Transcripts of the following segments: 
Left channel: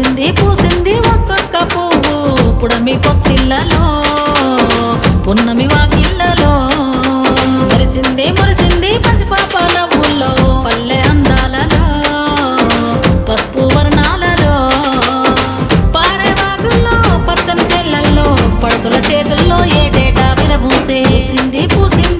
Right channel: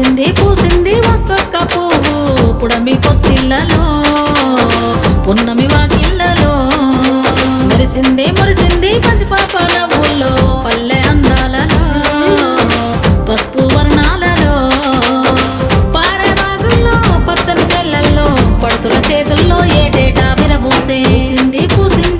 మెరిసింది పూసింది ఒక్కొక్క పువ్వు. పుడమి పొత్తిళ్ళలో పున్నమి వాకిళ్ళలో. మెరిసింది మురిసింది పసిపాప నవ్వుల్లో పల్లె అందాలలో పసుపు వర్ణాలలో. పారేవాగుల్లో పచ్చని చెల్లల్లో పడుతుల చేతుల్లో ఏటేటా విరబూసే. పూసింది పూసింది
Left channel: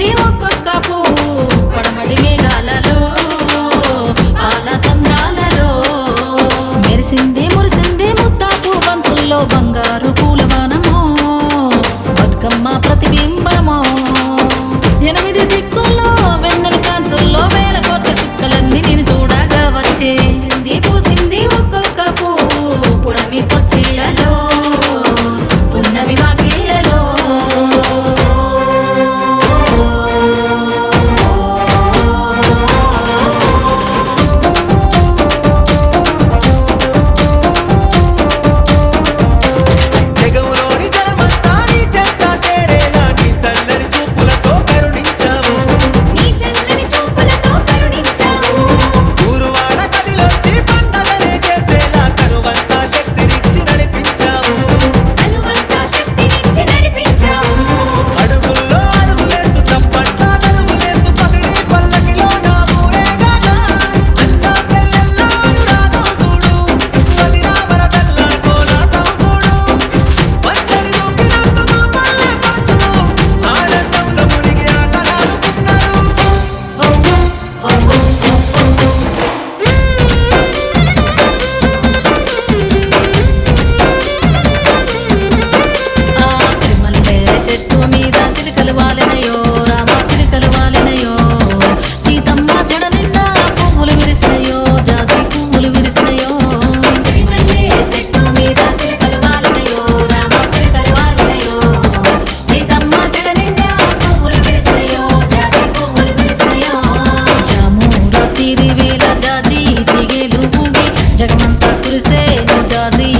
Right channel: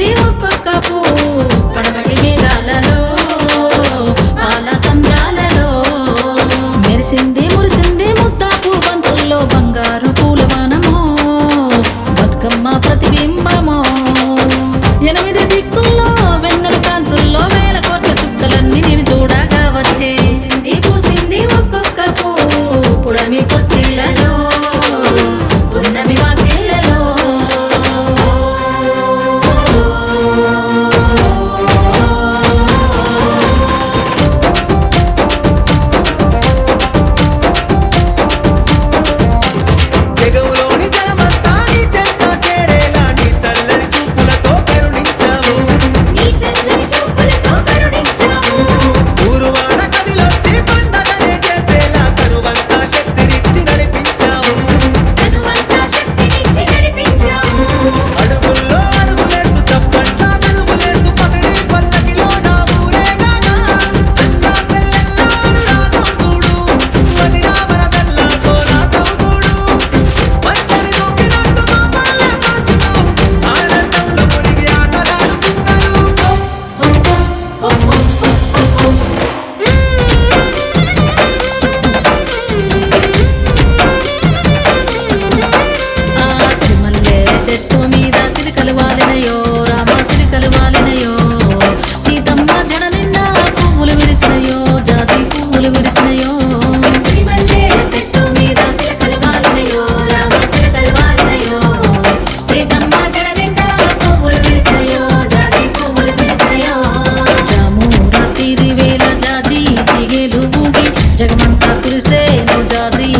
బతుకమ్మ ప్రతిబింబమో. ఎనిమిది దిక్కుల్లో వెన్నెల కాంతుల్లో వేల కోట్ల సుక్కలన్నీ నేను చూడగా వచ్చే. పూసింది ఒక్కొక్క పువ్వు పుడమి పొత్తిళ్ళలో చెట్టు మీద సిలికలు వాలినయో రామ సిలికలు వాలినయో సీతమ్మ జడ నిండా పువ్వులు విరిసినయో జాతి పువ్వులు విరిసినయో. సిరిమల్లె చెట్టు మీద సిరకలు వాలినయో రామ సిరకలు వాలినయో సీతమ్మ జడ నిండా పువ్వులు విరిసినయో పువ్వులు విరిసినయో. జాజి తిగేలు ఊగి జగమంతా కురిసేను జాజి